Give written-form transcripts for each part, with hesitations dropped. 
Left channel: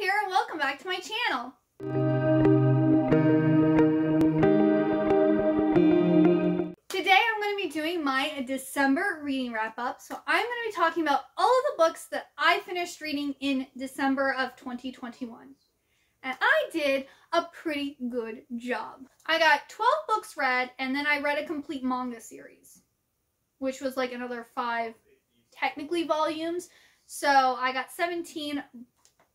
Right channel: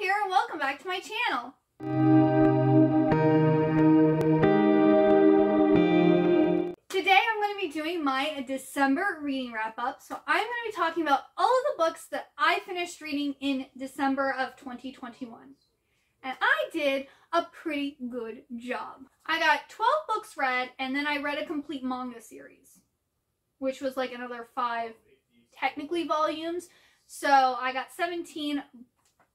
here and welcome back to my channel. Today I'm going to be doing my December reading wrap-up. So I'm going to be talking about all of the books that I finished reading in December of 2021. And I did a pretty good job. I got 12 books read, and then I read a complete manga series, which was like another 5 technically volumes. So I got 17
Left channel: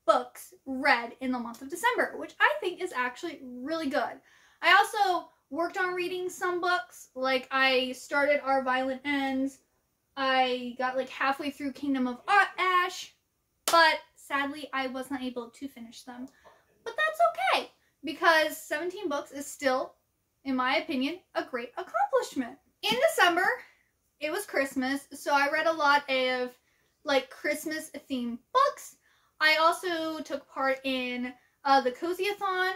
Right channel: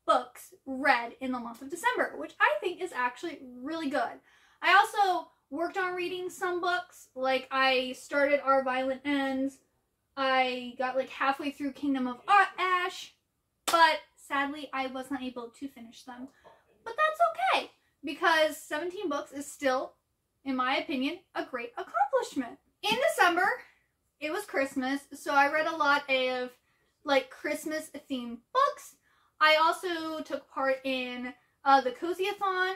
books read in the month of December, which I think is actually really good. I also worked on reading some books. Like I started Our Violent Ends. I got like halfway through Kingdom of Ash, but sadly I was not able to finish them. But that's okay, because 17 books is still, in my opinion, a great accomplishment. In December, it was Christmas, so I read a lot of like Christmas themed books. I also took part in the Cozy-a-thon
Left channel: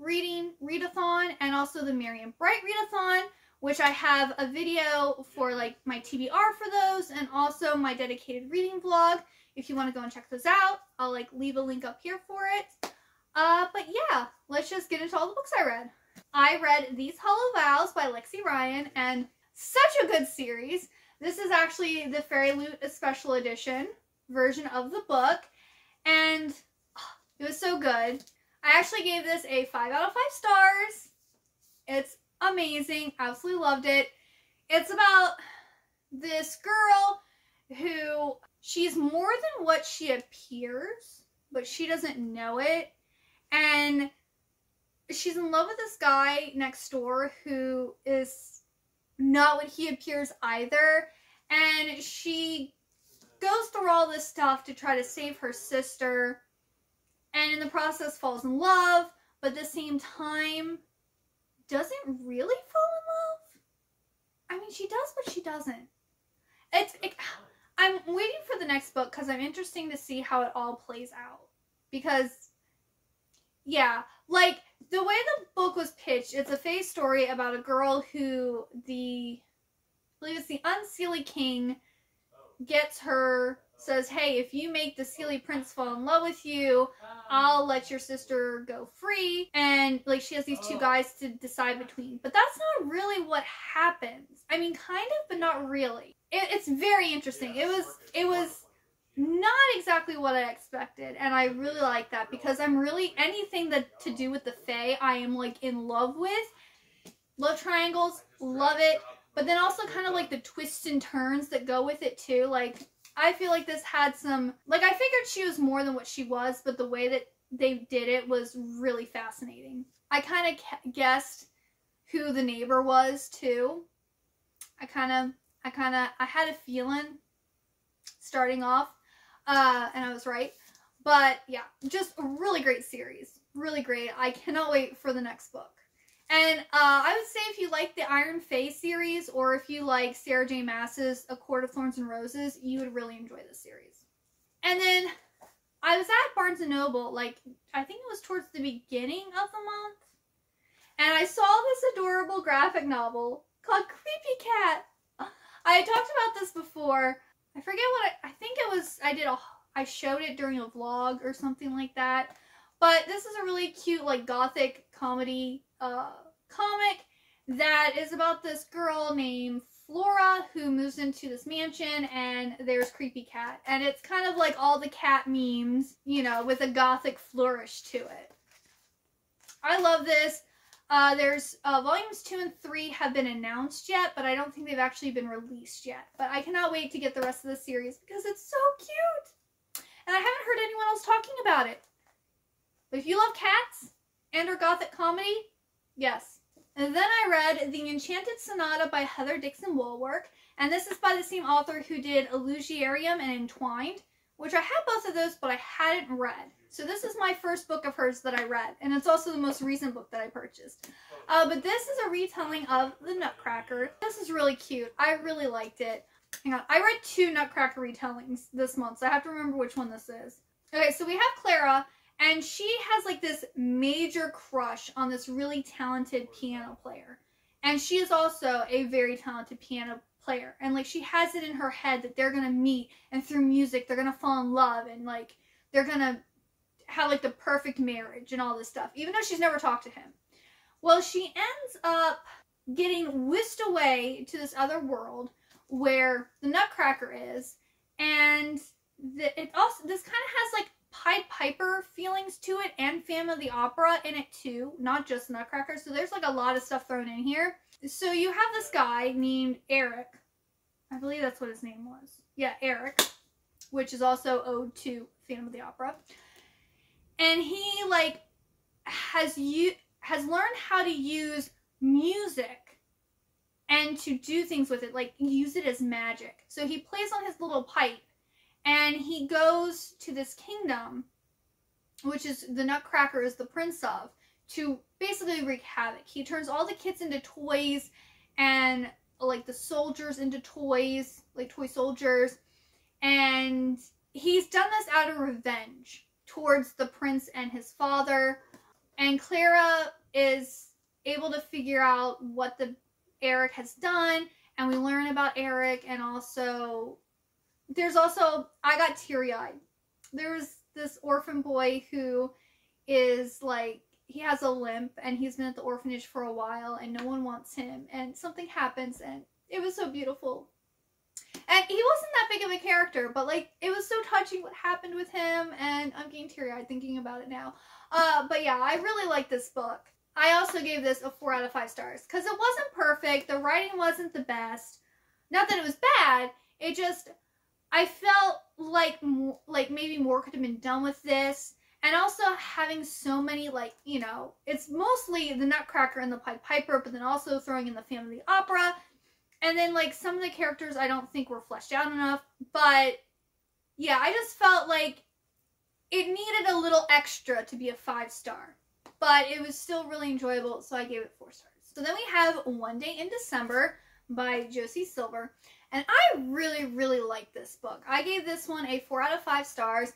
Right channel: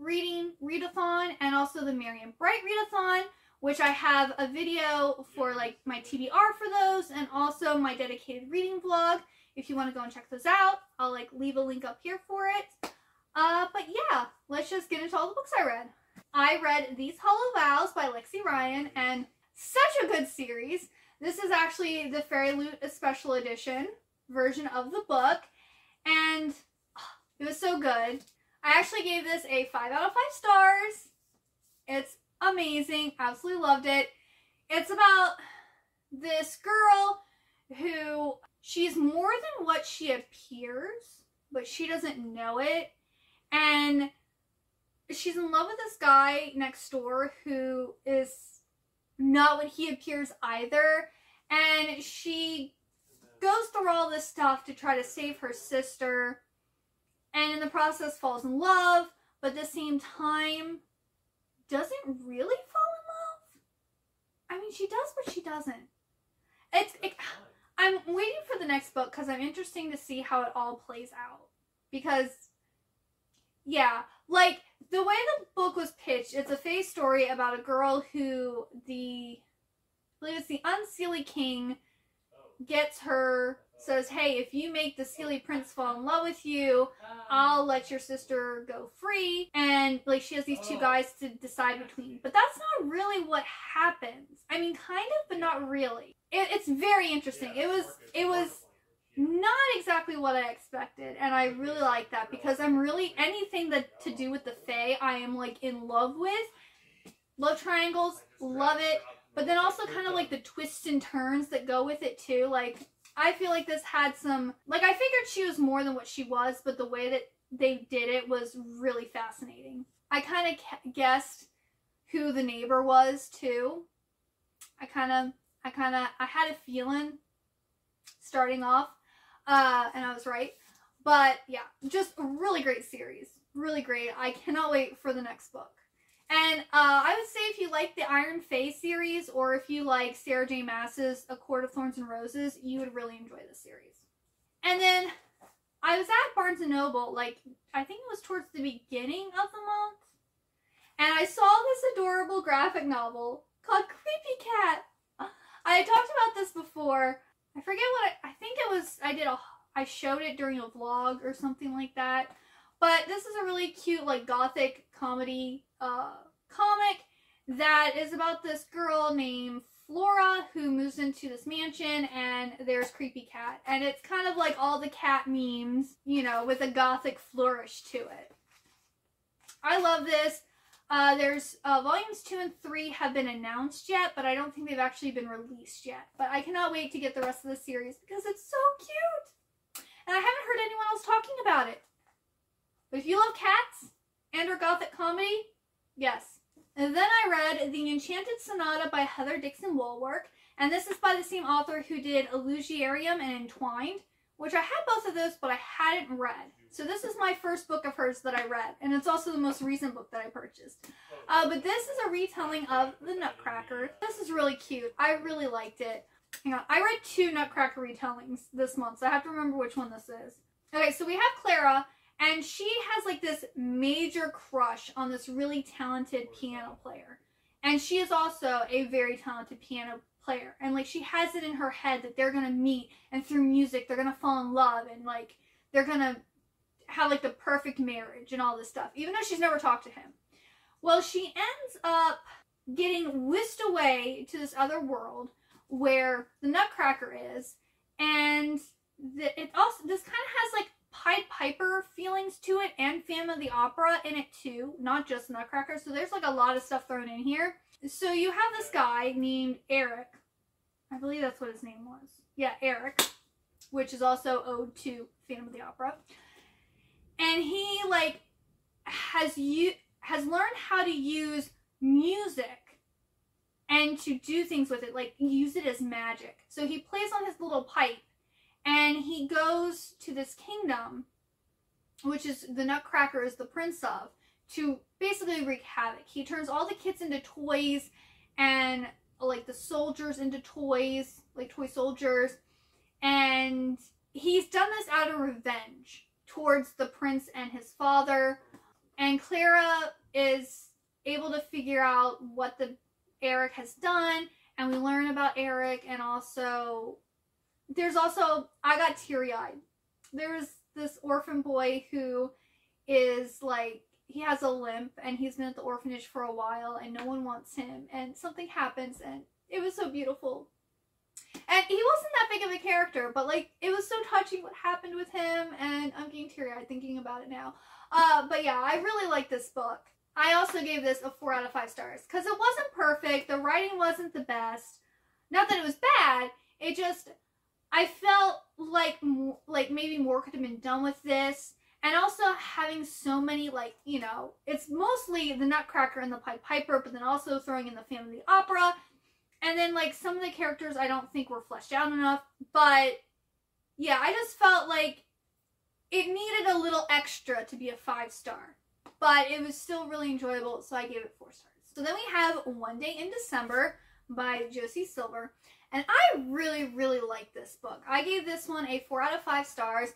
readathon, and also the Merry and Bright readathon, which I have a video for like my TBR for those, and also my dedicated reading vlog. If you want to go and check those out, I'll like leave a link up here for it. But yeah, let's just get into all the books I read. I read These Hollow Vows by Lexi Ryan, and such a good series. This is actually the Fairy Loot Special Edition version of the book, and it was so good. I actually gave this a 5 out of 5 stars. It's amazing. Absolutely loved it. It's about this girl who, she's more than what she appears, but she doesn't know it. And she's in love with this guy next door who is not what he appears either. And she goes through all this stuff to try to save her sister, and in the process falls in love, but at the same time doesn't really fall in love. I mean, she does, but she doesn't. I'm waiting for the next book because I'm interested to see how it all plays out. Because, yeah, like, the way the book was pitched, it's a fake story about a girl who the Unseelie King gets her, says, hey, if you make the Seelie Prince fall in love with you, I'll let your sister go free. And like she has these two guys to decide between. But that's not really what happens. I mean, kind of, but not really. It's very interesting. It was not exactly what I expected, and I really like that because I'm really, anything that to do with the Fae, I am like in love with. Love triangles, love it. But then also kind of like the twists and turns that go with it too. Like, I feel like this had some, like, I figured she was more than what she was, but the way that they did it was really fascinating. I kind of guessed who the neighbor was too. I had a feeling starting off, and I was right. But yeah, just a really great series. Really great. I cannot wait for the next book. And I would say if you like the Iron Fae series, or if you like Sarah J. Maas's A Court of Thorns and Roses, you would really enjoy this series. And then I was at Barnes & Noble, like, I think it was towards the beginning of the month, and I saw this adorable graphic novel called Creepy Cat. I had talked about this before. I forget what I think it was, I showed it during a vlog or something like that. But this is a really cute, like, gothic comedy comic that is about this girl named Flora who moves into this mansion, and there's Creepy Cat. And it's kind of like all the cat memes, you know, with a gothic flourish to it. I love this. There's volumes 2 and 3 have been announced yet, but I don't think they've actually been released yet. But I cannot wait to get the rest of the series because it's so cute. And I haven't heard anyone else talking about it. But if you love cats and or gothic comedy, yes. And then I read The Enchanted Sonata by Heather Dixon Woolwork, and this is by the same author who did Illusiarium and Entwined, which I had both of those, but I hadn't read. So this is my first book of hers that I read, and it's also the most recent book that I purchased. But this is a retelling of The Nutcracker. This is really cute. I really liked it. Hang on, I read 2 Nutcracker retellings this month, so I have to remember which one this is. Okay, so we have Clara, and she has like this major crush on this really talented piano player. And she is also a very talented piano player. And like she has it in her head that they're going to meet, and through music they're going to fall in love, and like they're going to have like the perfect marriage and all this stuff, even though she's never talked to him. Well, she ends up getting whisked away to this other world where the Nutcracker is, and this kind of has like Pied Piper feelings to it and Phantom of the Opera in it too, not just Nutcracker. So there's like a lot of stuff thrown in here. So you have this guy named Eric. I believe that's what his name was. Yeah, Eric, which is also ode to Phantom of the Opera. And he like has learned how to use music and to do things with it, like use it as magic. So he plays on his little pipe, and he goes to this kingdom, which is the Nutcracker is the prince of, to basically wreak havoc. He turns all the kids into toys, and like the soldiers into toys, like toy soldiers. And he's done this out of revenge towards the prince and his father. And Clara is able to figure out what Eric has done, and we learn about Eric. And also, I got teary-eyed. There's this orphan boy who is like, he has a limp, and he's been at the orphanage for a while, and no one wants him, and something happens, and it was so beautiful. And he wasn't that big of a character, but like, it was so touching what happened with him, and I'm getting teary-eyed thinking about it now. But yeah, I really like this book. I also gave this a 4 out of 5 stars, because it wasn't perfect, the writing wasn't the best. Not that it was bad, it just, I felt like maybe more could have been done with this. And also having so many, like, you know, it's mostly the Nutcracker and the Pied Piper, but then also throwing in the Phantom of the Opera. And then, like, some of the characters I don't think were fleshed out enough. But, yeah, I just felt like it needed a little extra to be a 5-star. But it was still really enjoyable, so I gave it 4 stars. So then we have One Day in December by Josie Silver. And I really, really like this book. I gave this one a 4 out of 5 stars.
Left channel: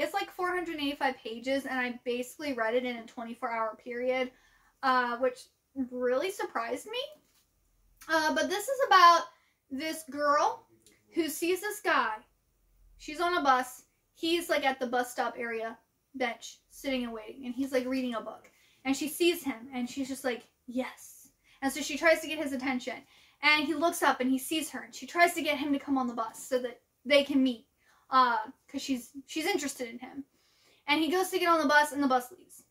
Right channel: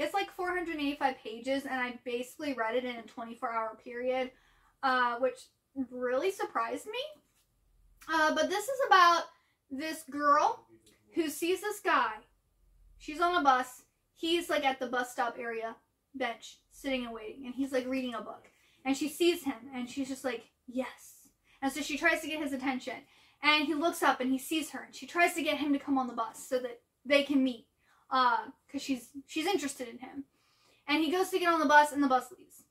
It's like 485 pages, and I basically read it in a 24-hour period, which really surprised me. But this is about this girl who sees this guy. She's on a bus. He's like at the bus stop area bench, sitting and waiting, and he's like reading a book. And she sees him, and she's just like, yes. And so she tries to get his attention. And he looks up and he sees her, and she tries to get him to come on the bus so that they can meet, because she's interested in him. And he goes to get on the bus, and the bus leaves.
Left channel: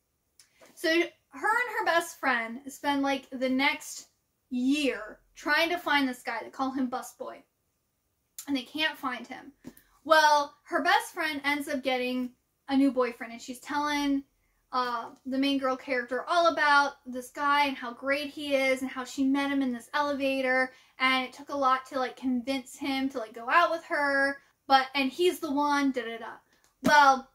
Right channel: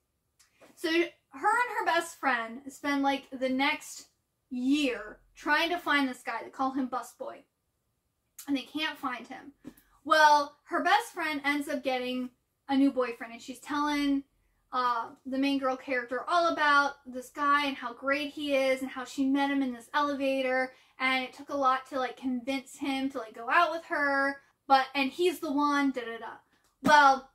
So her and her best friend spend like the next year trying to find this guy. They call him Busboy, and they can't find him. Well, her best friend ends up getting a new boyfriend, and she's telling the main girl character all about this guy and how great he is and how she met him in this elevator, and it took a lot to like convince him to like go out with her, and he's the one, Well,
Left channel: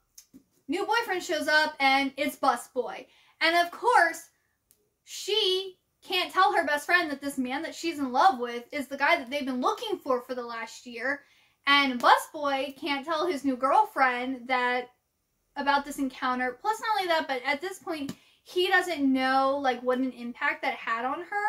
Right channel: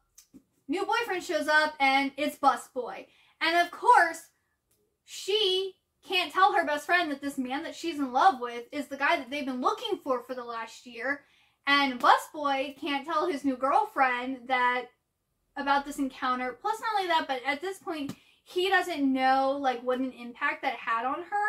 new boyfriend shows up, and it's Busboy. And of course, she can't tell her best friend that this man that she's in love with is the guy that they've been looking for the last year. And Busboy can't tell his new girlfriend about this encounter. Plus, not only that, but at this point, he doesn't know like what an impact that had on her,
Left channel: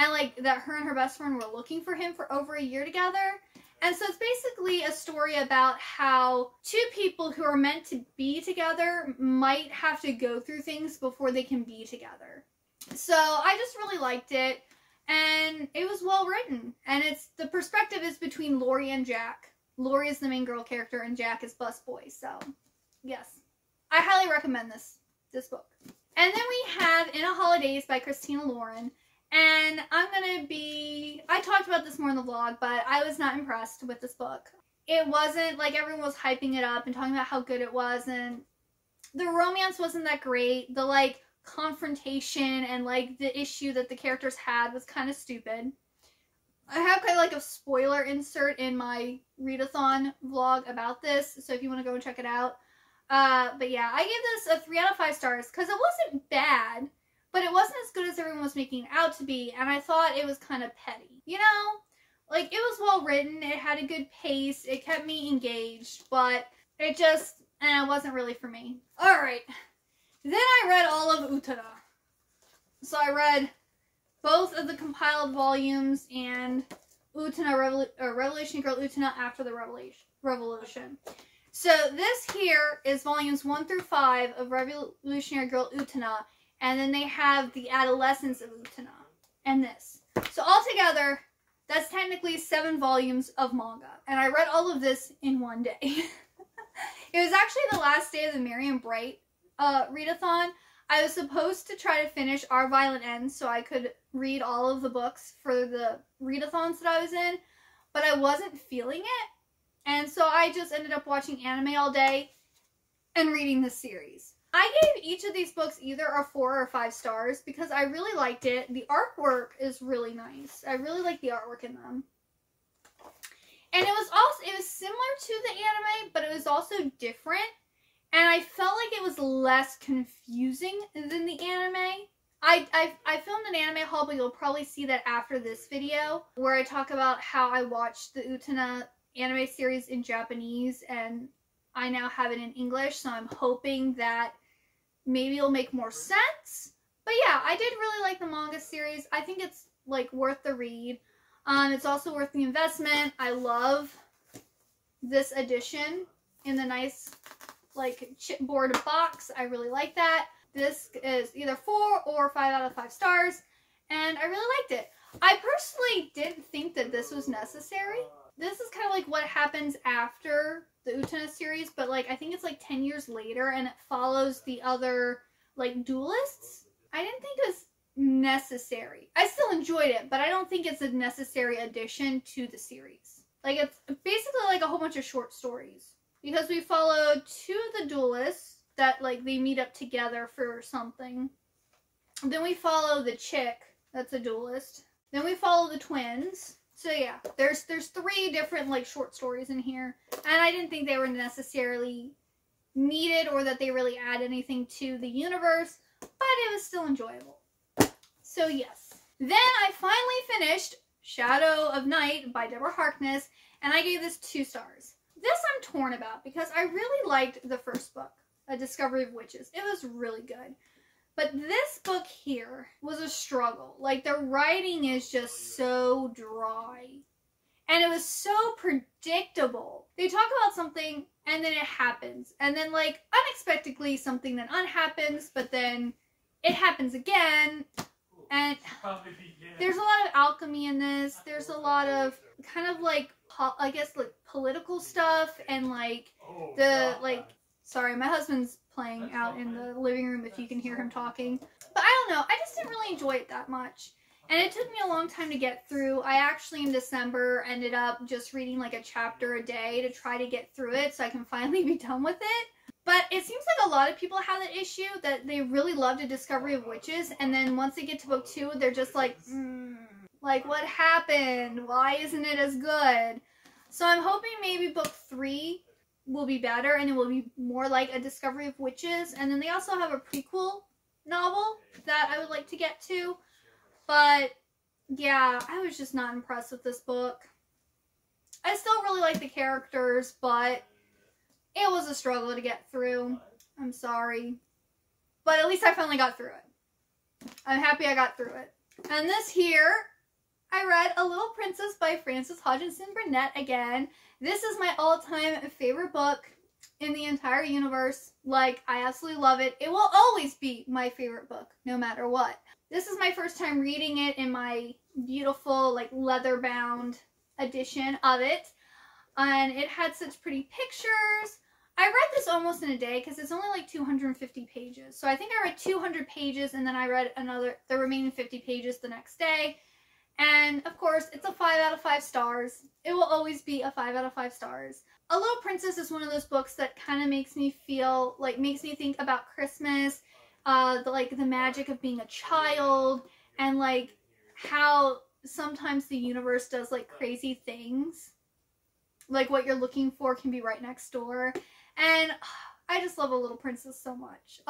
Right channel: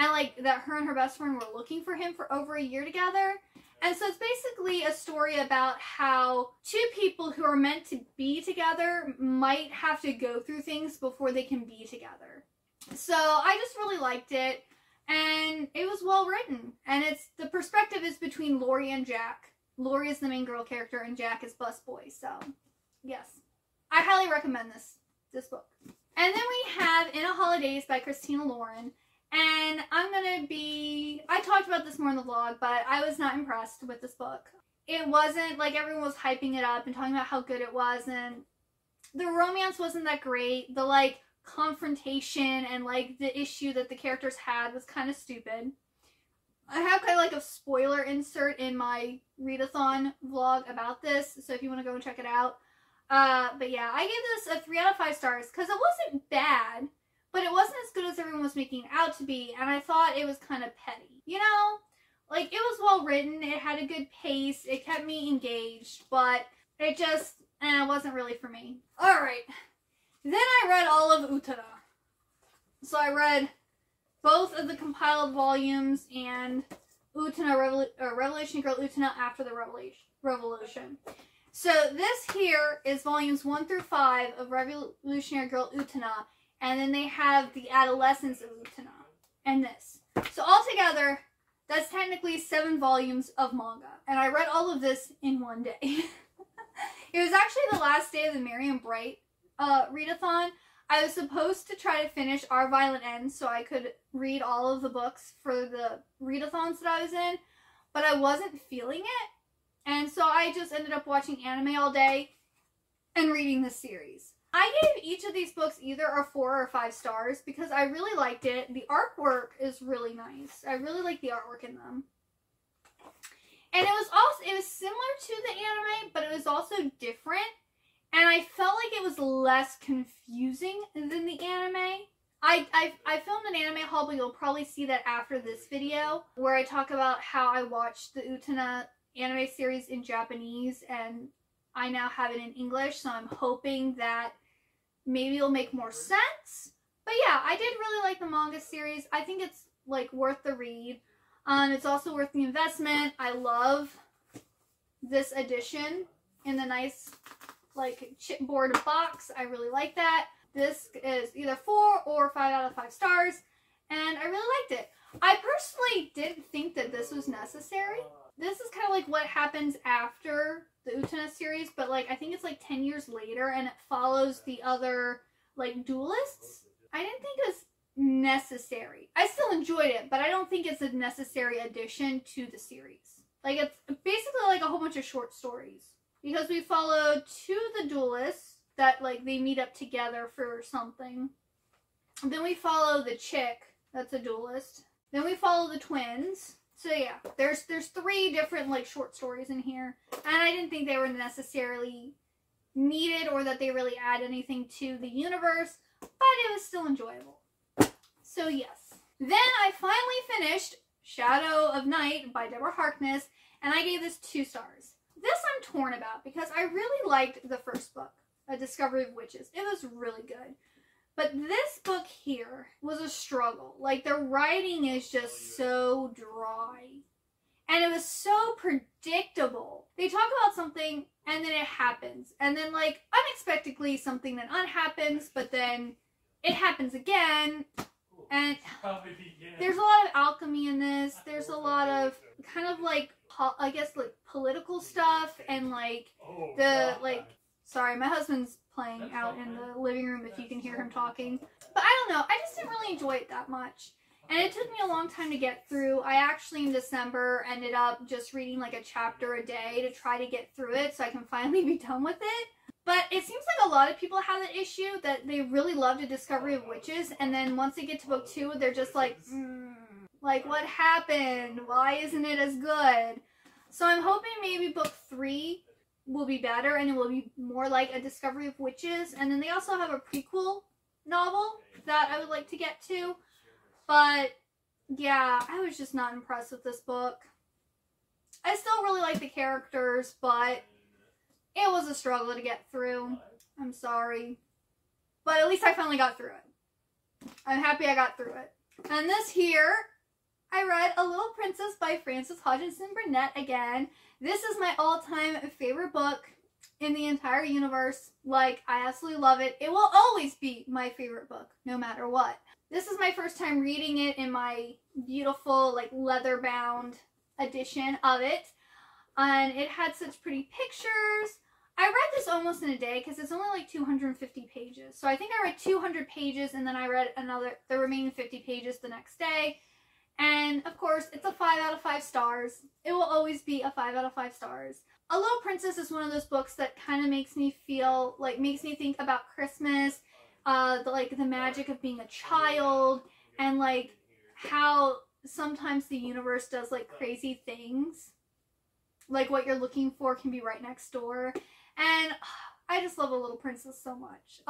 and like that her and her best friend were looking for him for over a year together. And so it's basically a story about how two people who are meant to be together might have to go through things before they can be together. So I just really liked it, and it was well written. And the perspective is between Lori and Jack. Lori is the main girl character, and Jack is Busboy. So yes, I highly recommend this book. And then we have In a Holidays by Christina Lauren. And I talked about this more in the vlog, but I was not impressed with this book. It wasn't, like, everyone was hyping it up and talking about how good it was, and the romance wasn't that great. The, like, confrontation and, like, the issue that the characters had was kind of stupid. I have kind of, like, a spoiler insert in my readathon vlog about this, so if you want to go and check it out. But yeah, I gave this a 3 out of 5 stars, because it wasn't bad, but it wasn't as good as everyone was making it out to be, and I thought it was kind of petty. You know? Like, it was well written, it had a good pace, it kept me engaged, but it just, wasn't really for me. Alright. Then I read all of Utena. So I read both of the compiled volumes and Utena, Revelation Girl Utena After the Revolution. So this here is volumes 1 through 5 of Revolutionary Girl Utena, and then they have the Adolescence of Utena, and this. So altogether, that's technically 7 volumes of manga, and I read all of this in one day. It was actually the last day of the Marion Bright readathon. I was supposed to try to finish Our Violent End so I could read all of the books for the readathons that I was in, but I wasn't feeling it. And so I just ended up watching anime all day and reading this series. I gave each of these books either a 4 or 5 stars because I really liked it. The artwork is really nice. I really like the artwork in them. And it was similar to the anime, but it was also different. And I felt like it was less confusing than the anime. I filmed an anime haul, but you'll probably see that after this video, where I talk about how I watched the Utena anime series in Japanese, and I now have it in English, so I'm hoping that maybe it'll make more sense. But yeah, I did really like the manga series. I think it's, like, worth the read. It's also worth the investment. I love this edition in the nice, like, chipboard box. I really like that. This is either 4 or 5 out of 5 stars, and I really liked it. I personally didn't think that this was necessary. This is kind of like what happens after the Utena series, but, like, I think it's, like, 10 years later, and it follows the other, like, duelists. I didn't think it was necessary. I still enjoyed it, but I don't think it's a necessary addition to the series. Like, it's basically like a whole bunch of short stories. Because we follow 2 of the duelists that, like, they meet up together for something. Then we follow the chick that's a duelist. Then we follow the twins. So yeah, there's 3 different, like, short stories in here. And I didn't think they were necessarily needed or that they really add anything to the universe, but it was still enjoyable. So yes. Then I finally finished Shadow of Night by Deborah Harkness, and I gave this 2 stars. This I'm torn about because I really liked the first book, A Discovery of Witches. It was really good. But this book here was a struggle. Like, the writing is just so dry. And it was so predictable. They talk about something, and then it happens. And then, like, unexpectedly, something then unhappens, but then it happens again. And there's a lot of alchemy in this. There's a lot of kind of, like, I guess, like, political stuff. And, like, sorry, my husband's playing out in the living room if you can hear him talking. But I don't know, I just didn't really enjoy it that much. And it took me a long time to get through. I actually, in December, ended up just reading, like, a chapter a day to try to get through it so I can finally be done with it. But it seems like a lot of people have that issue, that they really loved A Discovery of Witches, and then once they get to book 2, they're just like, like, what happened? Why isn't it as good? So I'm hoping maybe book 3 will be better, and it will be more like A Discovery of Witches. And then they also have a prequel novel that I would like to get to. But, yeah, I was just not impressed with this book. I still really like the characters, but it was a struggle to get through. I'm sorry. But at least I finally got through it. I'm happy I got through it. And this here, I read A Little Princess by Frances Hodgson Burnett again. This is my all-time favorite book in the entire universe. Like, I absolutely love it. It will always be my favorite book, no matter what. This is my first time reading it in my beautiful, like, leather-bound edition of it. And it had such pretty pictures. I read this almost in a day because it's only like 250 pages. So I think I read 200 pages and then I read the remaining 50 pages the next day. And of course, it's a 5 out of 5 stars. It will always be a 5 out of 5 stars. A Little Princess is one of those books that kind of makes me feel, like, makes me think about Christmas, the magic of being a child, and, like, how sometimes the universe does, like, crazy things. Like, what you're looking for can be right next door. And I just love A Little Princess so much.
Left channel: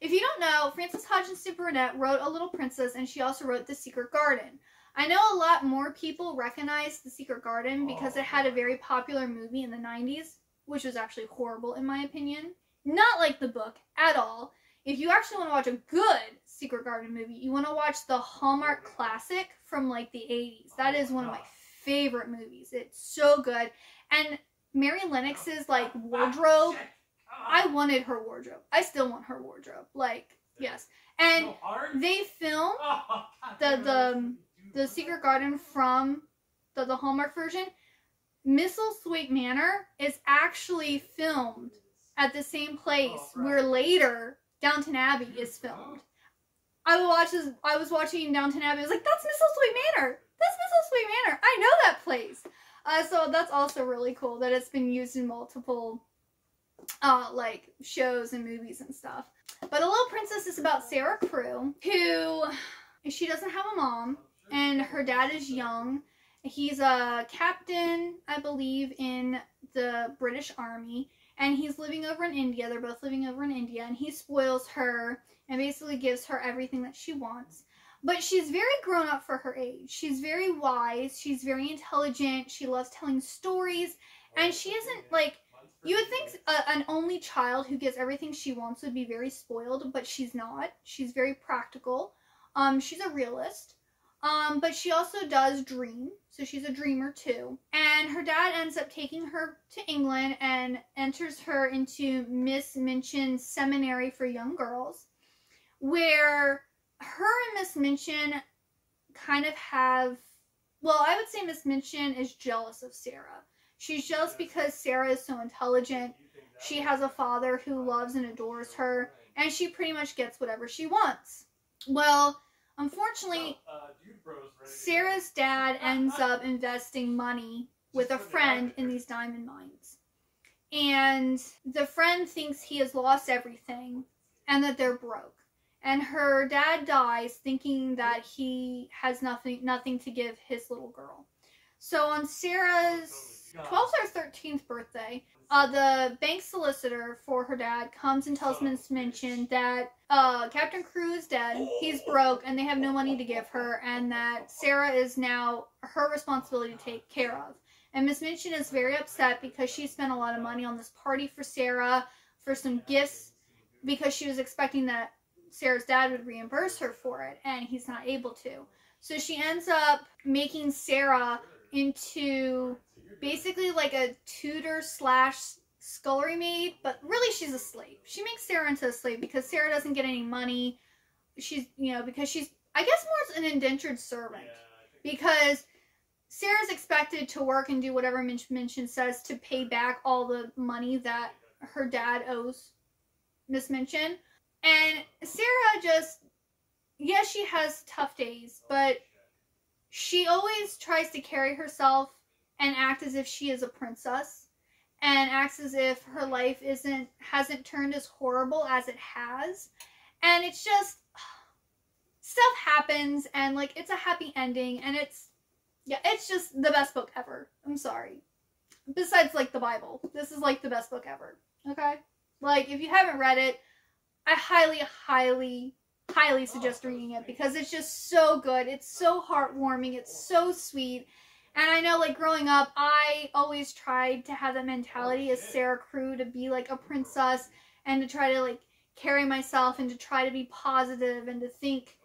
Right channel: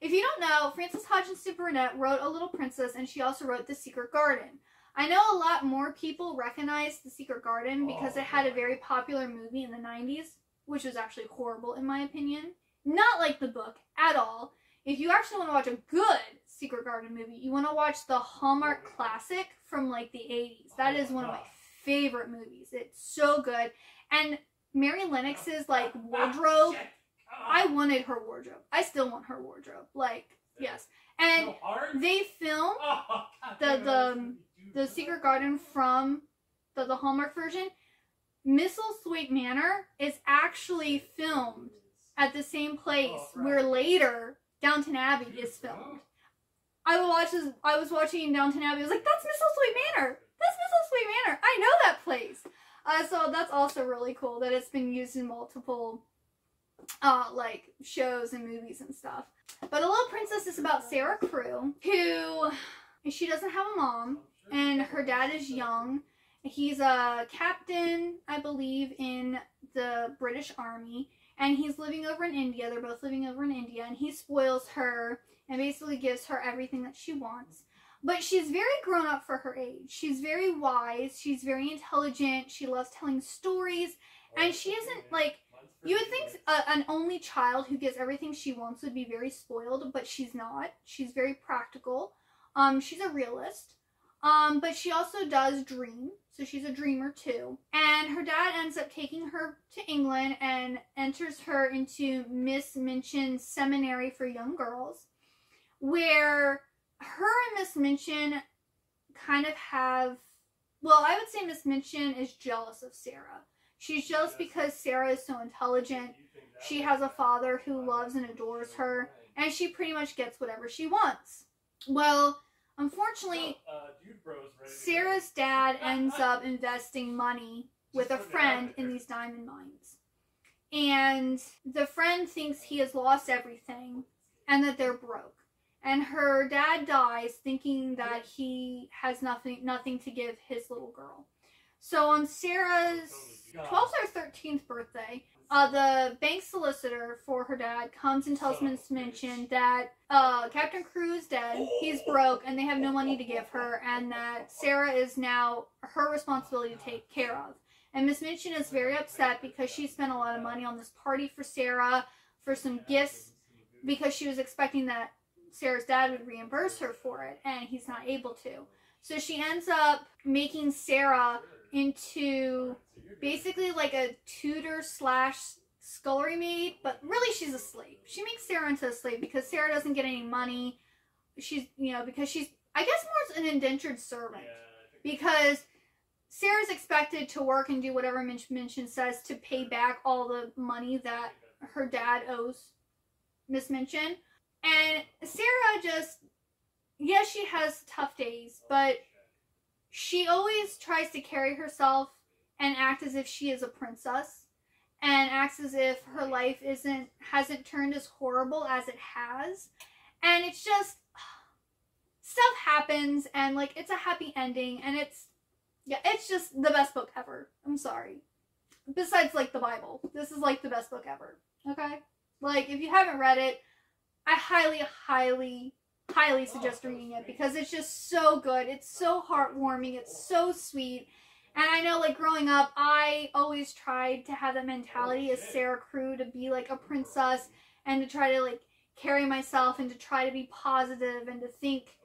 If you don't know, Frances Hodgson Burnett wrote A Little Princess, and she also wrote The Secret Garden. I know a lot more people recognize The Secret Garden because it had a very popular movie in the 90s, which was actually horrible in my opinion. Not like the book at all. If you actually want to watch a good Secret Garden movie, you want to watch the Hallmark classic from, like, the 80s. That is one of my favorite movies. It's so good. And Mary Lennox's, like, wardrobe. I wanted her wardrobe. I still want her wardrobe. Like, yes. And they filmed the Secret Garden from the Hallmark version. Misselthwaite Manor is actually filmed at the same place where later Downton Abbey is filmed. I was watching Downton Abbey. I was like, that's Misselthwaite Manor. That's Misselthwaite Manor. I know that place. So that's also really cool that it's been used in multiple, like, shows and movies and stuff. But The Little Princess is about Sarah Crewe, who, she doesn't have a mom, and her dad is young. He's a captain, I believe, in the British Army, and he's living over in India. They're both living over in India, and he spoils her and basically gives her everything that she wants. But she's very grown up for her age. She's very wise. She's very intelligent. She loves telling stories. And she isn't, like, you would think an only child who gets everything she wants would be very spoiled, but she's not. She's very practical. She's a realist. But she also does dream. So she's a dreamer too. And her dad ends up taking her to England and enters her into Miss Minchin's seminary for young girls, where her and Miss Minchin kind of have, well, I would say Miss Minchin is jealous of Sarah. She's jealous because Sarah is so intelligent. She has a father who loves and adores her, and she pretty much gets whatever she wants. Well, unfortunately, Sarah's dad ends up investing money with a friend in these diamond mines. And the friend thinks he has lost everything and that they're broke. And her dad dies thinking that he has nothing to give his little girl. So on Sarah's 12th or 13th birthday, the bank solicitor for her dad comes and tells Miss Minchin that Captain Crewe is dead, he's broke, and they have no money to give her, and that Sarah is now her responsibility to take care of. And Miss Minchin is very upset because she spent a lot of money on this party for Sarah, for some gifts, because she was expecting that Sarah's dad would reimburse her for it, and he's not able to. So she ends up making Sarah into basically like a tutor slash scullery maid, but really she's a slave. She makes Sarah into a slave because Sarah doesn't get any money. She's, because she's, I guess more an indentured servant, because Sarah's expected to work and do whatever Minchin says to pay back all the money that her dad owes Miss Minchin. And Sarah just, yes, she has tough days, but she always tries to carry herself and act as if she is a princess, and acts as if her life hasn't turned as horrible as it has. And it's just, stuff happens, and like, it's a happy ending, and it's just the best book ever. I'm sorry. Besides, like, the Bible. This is, like, the best book ever. Okay? Like, if you haven't read it, I highly, highly, highly suggest reading it, because it's just so good. It's so heartwarming. It's so sweet. And I know, like, growing up, I always tried to have that mentality as Sarah Crewe, to be, like, a princess, and to try to, like, carry myself, and to try to be positive, and to think,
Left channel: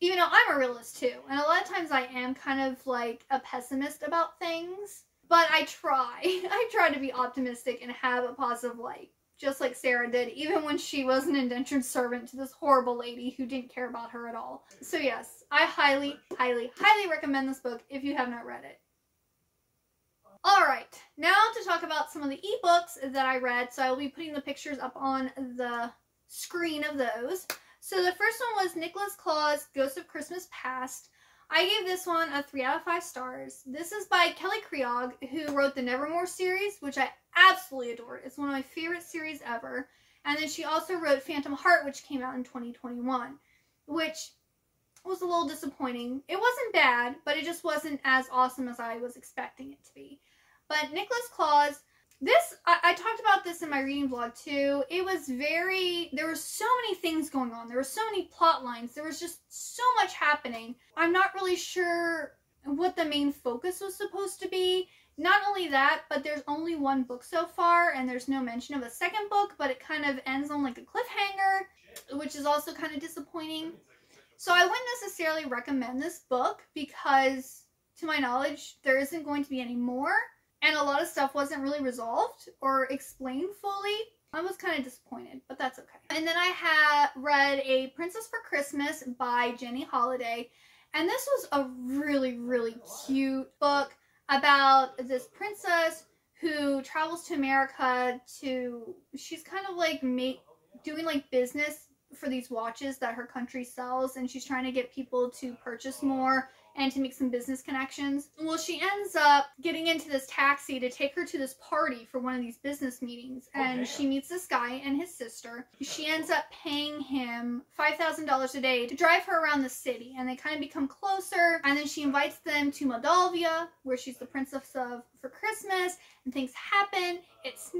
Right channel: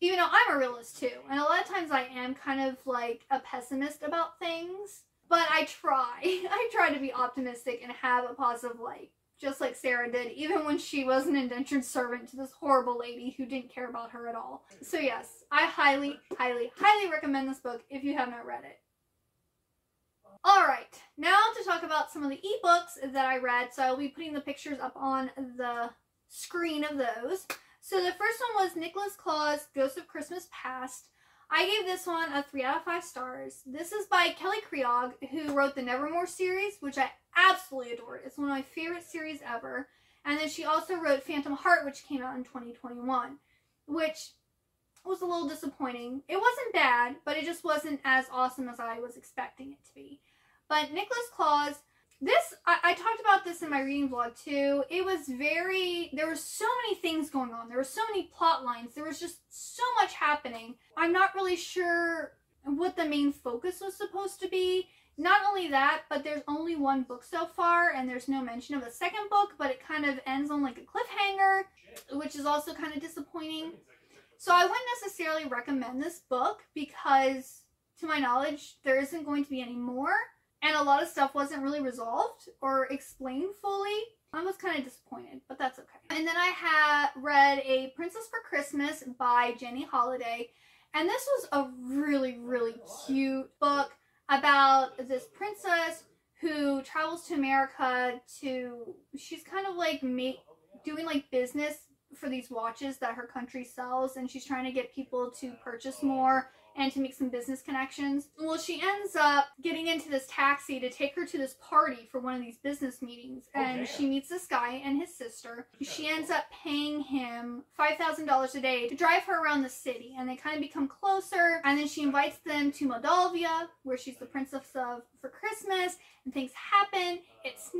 even though I'm a realist, too. And a lot of times I am kind of, like, a pessimist about things. But I try. I try to be optimistic and have a positive light. Just like Sarah did, even when she was an indentured servant to this horrible lady who didn't care about her at all. So yes, I highly, highly, highly recommend this book if you have not read it. Alright, now to talk about some of the ebooks that I read. So I'll be putting the pictures up on the screen of those. So the first one was Nicholas Claw's Ghost of Christmas Past. I gave this one a 3 out of 5 stars. This is by Kelly Creog, who wrote the Nevermore series, which I absolutely adore. It's one of my favorite series ever. And then she also wrote Phantom Heart, which came out in 2021, which was a little disappointing. It wasn't bad, but it just wasn't as awesome as I was expecting it to be. But Nicholas Claw's, I talked about this in my reading vlog too. It was there were so many things going on. There were so many plot lines. There was just so much happening. I'm not really sure what the main focus was supposed to be. Not only that, but there's only one book so far, and there's no mention of a second book, but it kind of ends on like a cliffhanger, which is also kind of disappointing. So I wouldn't necessarily recommend this book because, to my knowledge, there isn't going to be any more. and a lot of stuff wasn't really resolved or explained fully. I was kind of disappointed, but that's okay. And then I had read A Princess for Christmas by Jenny Holiday, and this was a really, really cute book about this princess who travels to America she's kind of like doing like business for these watches that her country sells, and she's trying to get people to purchase more and to make some business connections. Well, she ends up getting into this taxi to take her to this party for one of these business meetings, and she meets this guy and his sister. She ends up paying him $5,000 a day to drive her around the city, and they kind of become closer, and then she invites them to Moldavia, where she's the princess of for Christmas, and things happen. It's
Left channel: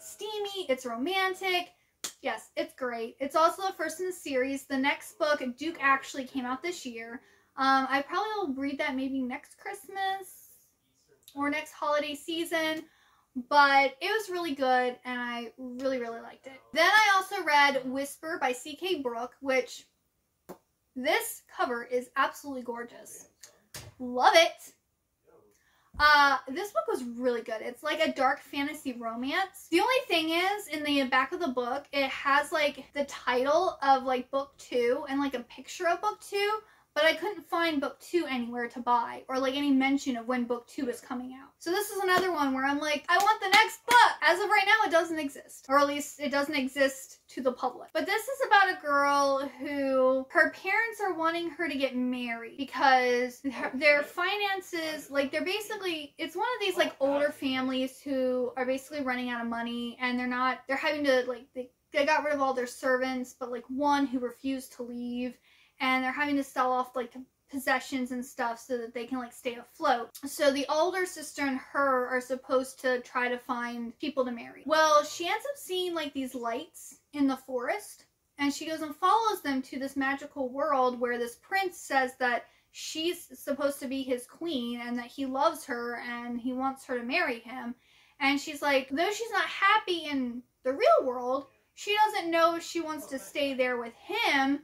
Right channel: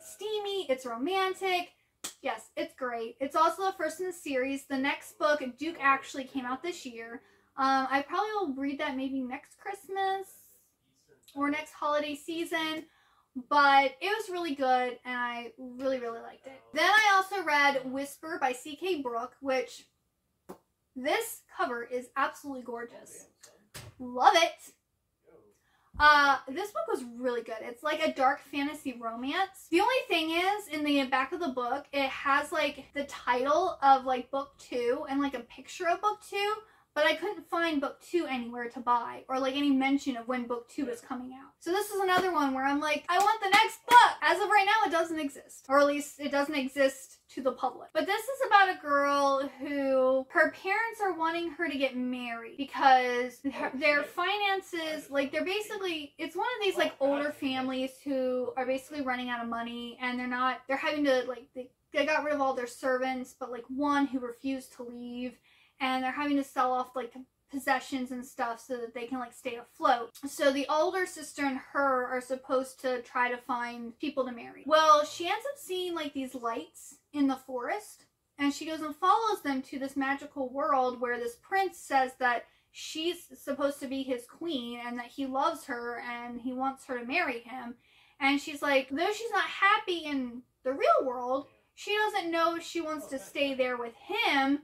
steamy, it's romantic. Yes, it's great. It's also the first in the series. The next book, Duke, actually came out this year. I probably will read that maybe next Christmas or next holiday season, but it was really good and I really, really liked it. Then I also read Whisper by C.K. Brooke, which this cover is absolutely gorgeous. Love it. This book was really good. It's like a dark fantasy romance. The only thing is, in the back of the book, it has like the title of like book 2 and like a picture of book 2, but I couldn't find book 2 anywhere to buy or like any mention of when book 2 is coming out. So this is another one where I'm like, I want the next book. As of right now, it doesn't exist, or at least it doesn't exist to the public. But this is about a girl who her parents are wanting her to get married because their finances, like they're basically, it's one of these like older families who are basically running out of money, and they're having to like, they got rid of all their servants, but like one who refused to leave, and they're having to sell off like possessions and stuff so that they can like stay afloat. So the older sister and her are supposed to try to find people to marry. Well, she ends up seeing like these lights in the forest, and she goes and follows them to this magical world where this prince says that she's supposed to be his queen and that he loves her and he wants her to marry him. And she's like, though she's not happy in the real world, she doesn't know if she wants to stay there with him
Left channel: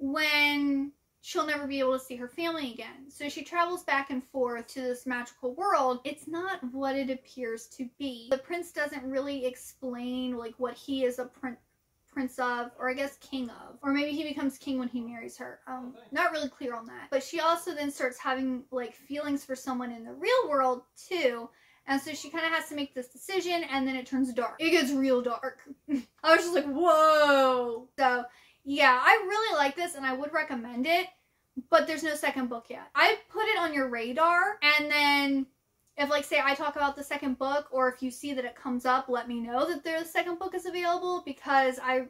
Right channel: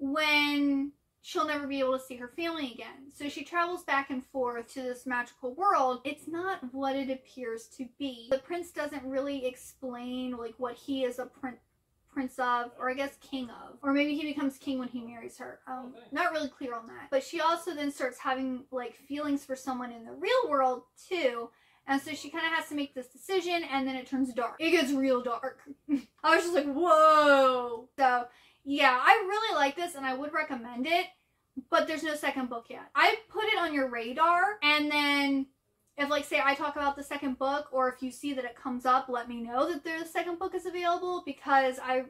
when she'll never be able to see her family again. So she travels back and forth to this magical world. It's not what it appears to be. The prince doesn't really explain like what he is a prince of, or I guess king of, or maybe he becomes king when he marries her. Not really clear on that. But she also then starts having like feelings for someone in the real world too. And so she kind of has to make this decision, and then it turns dark. It gets real dark. I was just like, whoa. So yeah, I really like this and I would recommend it, but there's no second book yet. I put it on your radar, and then if like say I talk about the second book, or if you see that it comes up, let me know that the second book is available, because I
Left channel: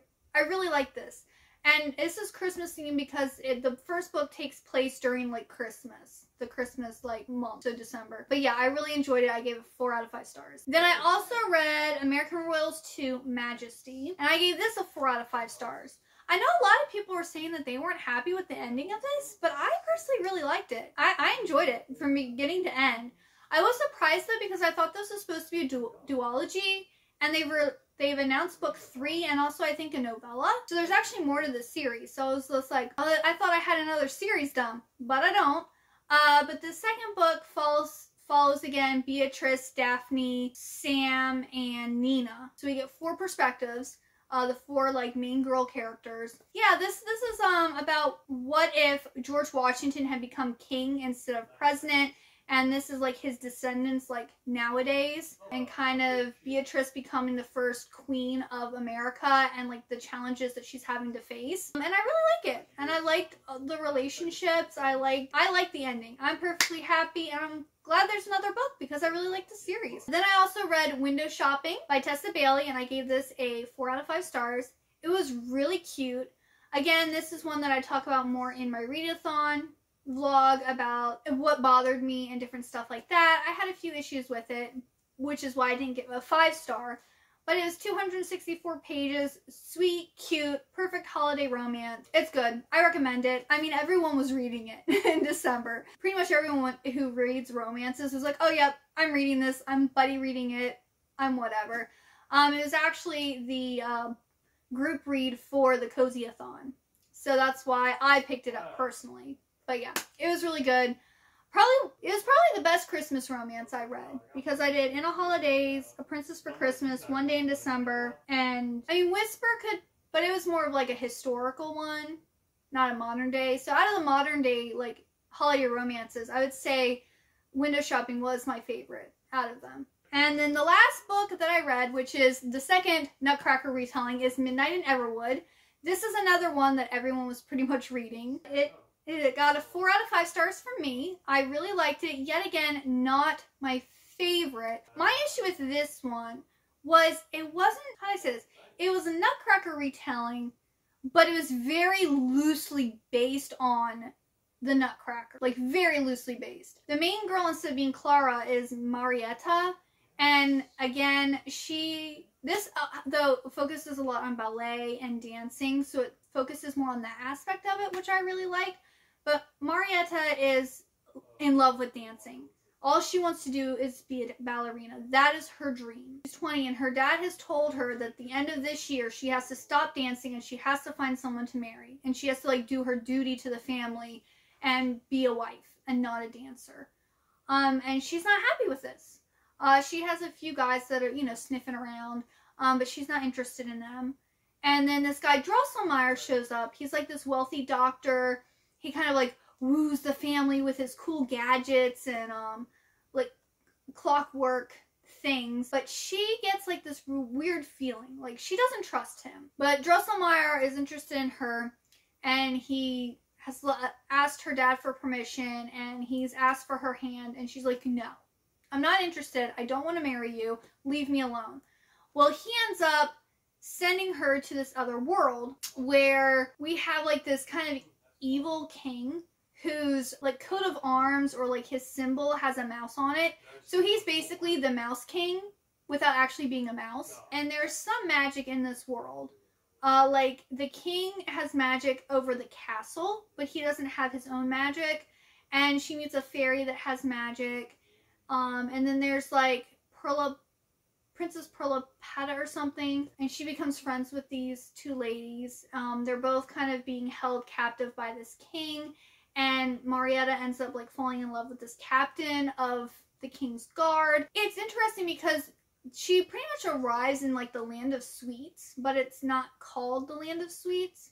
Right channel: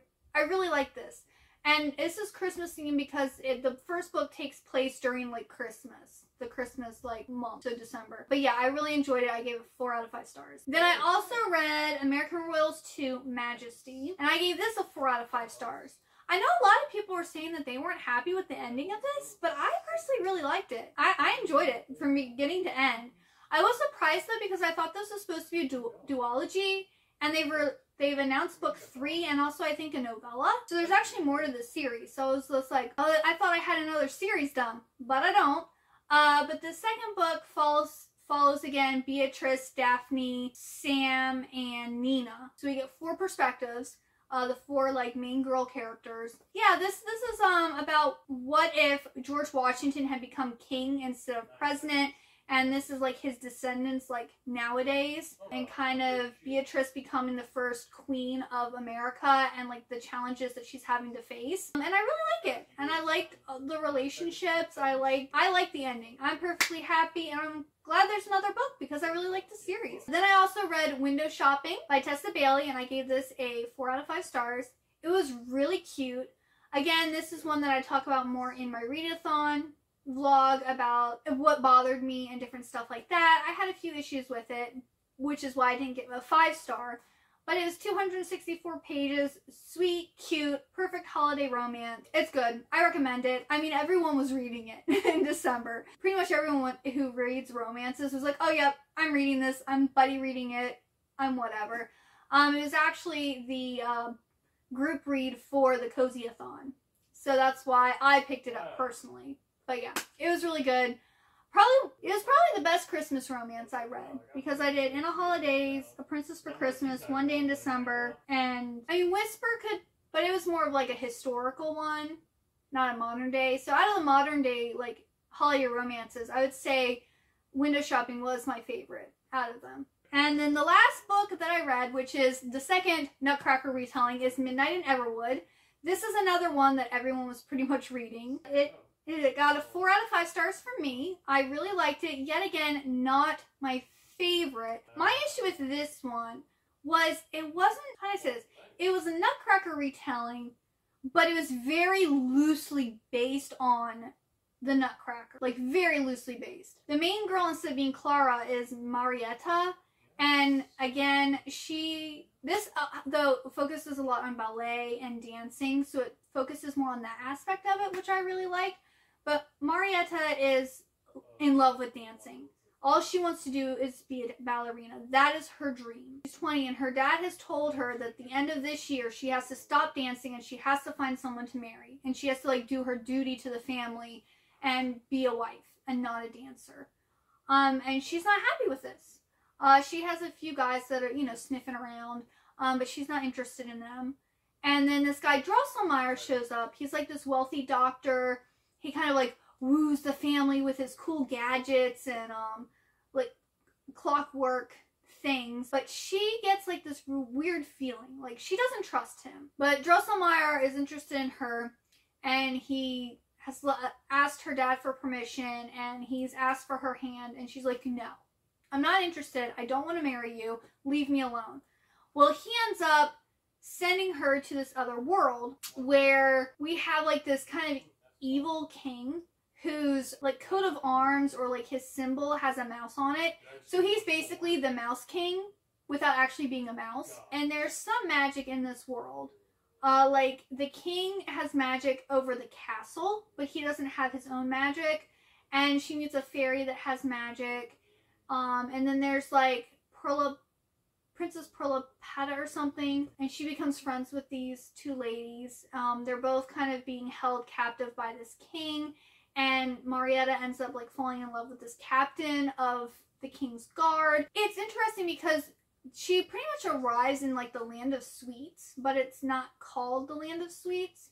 really like this. And this is Christmas themed because the first book takes place during like Christmas. The Christmas like month, so December. But yeah, I really enjoyed it. I gave it 4 out of 5 stars. Then I also read American Royals 2 Majesty, and I gave this a 4 out of 5 stars. I know a lot of people were saying that they weren't happy with the ending of this, but I personally really liked it. I enjoyed it from beginning to end. I was surprised though, because I thought this was supposed to be a duology, and they've announced book 3 and also I think a novella. So there's actually more to this series. So I was just like, oh, I thought I had another series done, but I don't. But the second book follows again Beatrice, Daphne, Sam, and Nina. So we get 4 perspectives. The 4 like main girl characters. Yeah, this is about what if George Washington had become king instead of president, and this is like his descendants like nowadays, and kind of Beatrice becoming the first queen of America and like the challenges that she's having to face. And I really like it, and I liked the relationships. I like the ending. I'm perfectly happy, and I'm glad there's another book because I really like the series. Then I also read Window Shopping by Tessa Bailey, and I gave this a 4 out of 5 stars. It was really cute. Again, this is one that I talk about more in my readathon vlog about what bothered me and different stuff like that. I had a few issues with it, which is why I didn't give it a 5-star. But it was 264 pages, sweet, cute, perfect holiday romance. It's good. I recommend it. I mean, everyone was reading it in December. Pretty much everyone who reads romances was like, oh, yep, I'm reading this. I'm buddy reading it. I'm whatever. It was actually the group read for the Cozy-a-thon. So that's why I picked it up personally. But yeah, it was really good. it was probably the best Christmas romance I read, because I did In a Holidays, A Princess for Christmas, One Day in December, and I mean Whisper could, but it was more of like a historical one, not a modern day. So out of the modern day like holiday romances, I would say Window Shopping was my favorite out of them. And then the last book that I read, which is the second Nutcracker retelling, is Midnight in Everwood. This is another one that everyone was pretty much reading. It got a 4 out of 5 stars from me. I really liked it. Yet again, not my favorite. My issue with this one was it wasn't, how do I say this? It was a Nutcracker retelling, but it was very loosely based on the Nutcracker. Like, very loosely based. The main girl, instead of being Clara, is Marietta. And again, this though focuses a lot on ballet and dancing, so it focuses more on that aspect of it, which I really like. But Marietta is in love with dancing. All she wants to do is be a ballerina. That is her dream. She's 20 and her dad has told her that at the end of this year she has to stop dancing and she has to find someone to marry. And she has to like do her duty to the family and be a wife and not a dancer. And she's not happy with this. She has a few guys that are, you know, sniffing around, but she's not interested in them. And then this guy Drosselmeyer shows up. He's like this wealthy doctor. He kind of like woos the family with his cool gadgets and like clockwork things. But she gets like this weird feeling, like she doesn't trust him. But Drosselmeyer is interested in her, and he has asked her dad for permission, and he's asked for her hand, and she's like, no, I'm not interested. I don't want to marry you. Leave me alone. Well, he ends up sending her to this other world where we have like this kind of evil king whose like coat of arms or like his symbol has a mouse on it. So he's basically the Mouse King without actually being a mouse. And there's some magic in this world. Like the king has magic over the castle, but he doesn't have his own magic. And she meets a fairy that has magic. And then there's like Princess Perlipata or something, and she becomes friends with these two ladies. They're both kind of being held captive by this king, and Marietta ends up like falling in love with this captain of the king's guard. It's interesting because she pretty much arrives in like the Land of Sweets, but it's not called the Land of Sweets.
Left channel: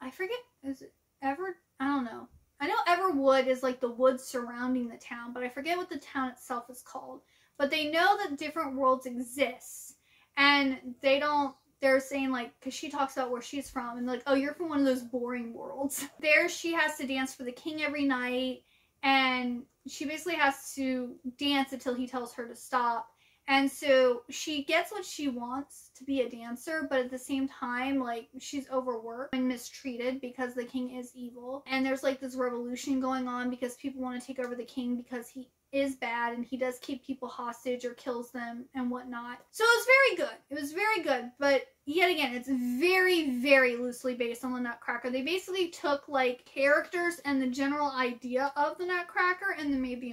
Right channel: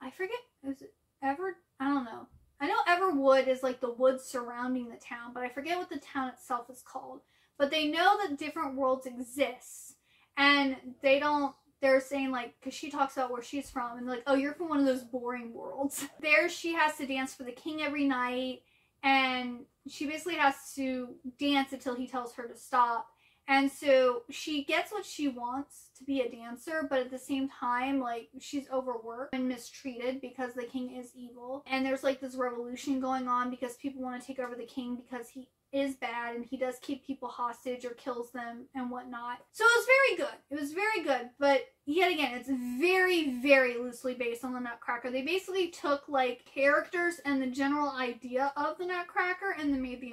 I forget, is it I don't know. I know Everwood is like the woods surrounding the town, but I forget what the town itself is called. But they know that different worlds exist, and they're saying like, because she talks about where she's from, and they're like, oh, you're from one of those boring worlds. There she has to dance for the king every night, and she basically has to dance until he tells her to stop. And so she gets what she wants to be a dancer, but at the same time, like, she's overworked and mistreated because the king is evil. And there's like this revolution going on because people want to take over the king because he is bad and he does keep people hostage or kills them and whatnot. So it was very good. It was very good, but yet again, it's very, very loosely based on the Nutcracker. They basically took like characters and the general idea of the Nutcracker and then made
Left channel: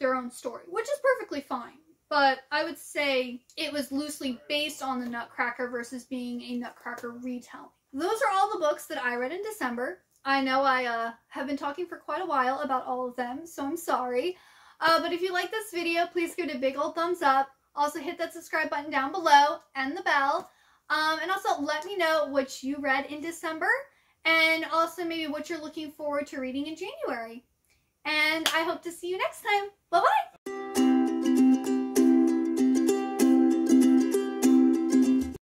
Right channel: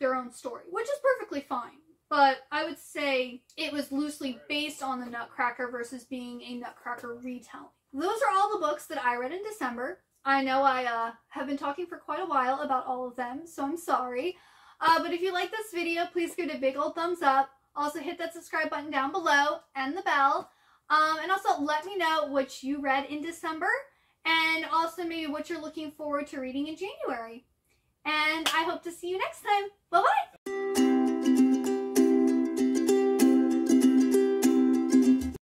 their own story, which is perfectly fine. But I would say it was loosely based on the Nutcracker versus being a Nutcracker retelling. Those are all the books that I read in December. I know I have been talking for quite a while about all of them, so I'm sorry. But if you like this video, please give it a big old thumbs up. Also hit that subscribe button down below and the bell. And also let me know what you read in December and also maybe what you're looking forward to reading in January. And I hope to see you next time. Bye-bye!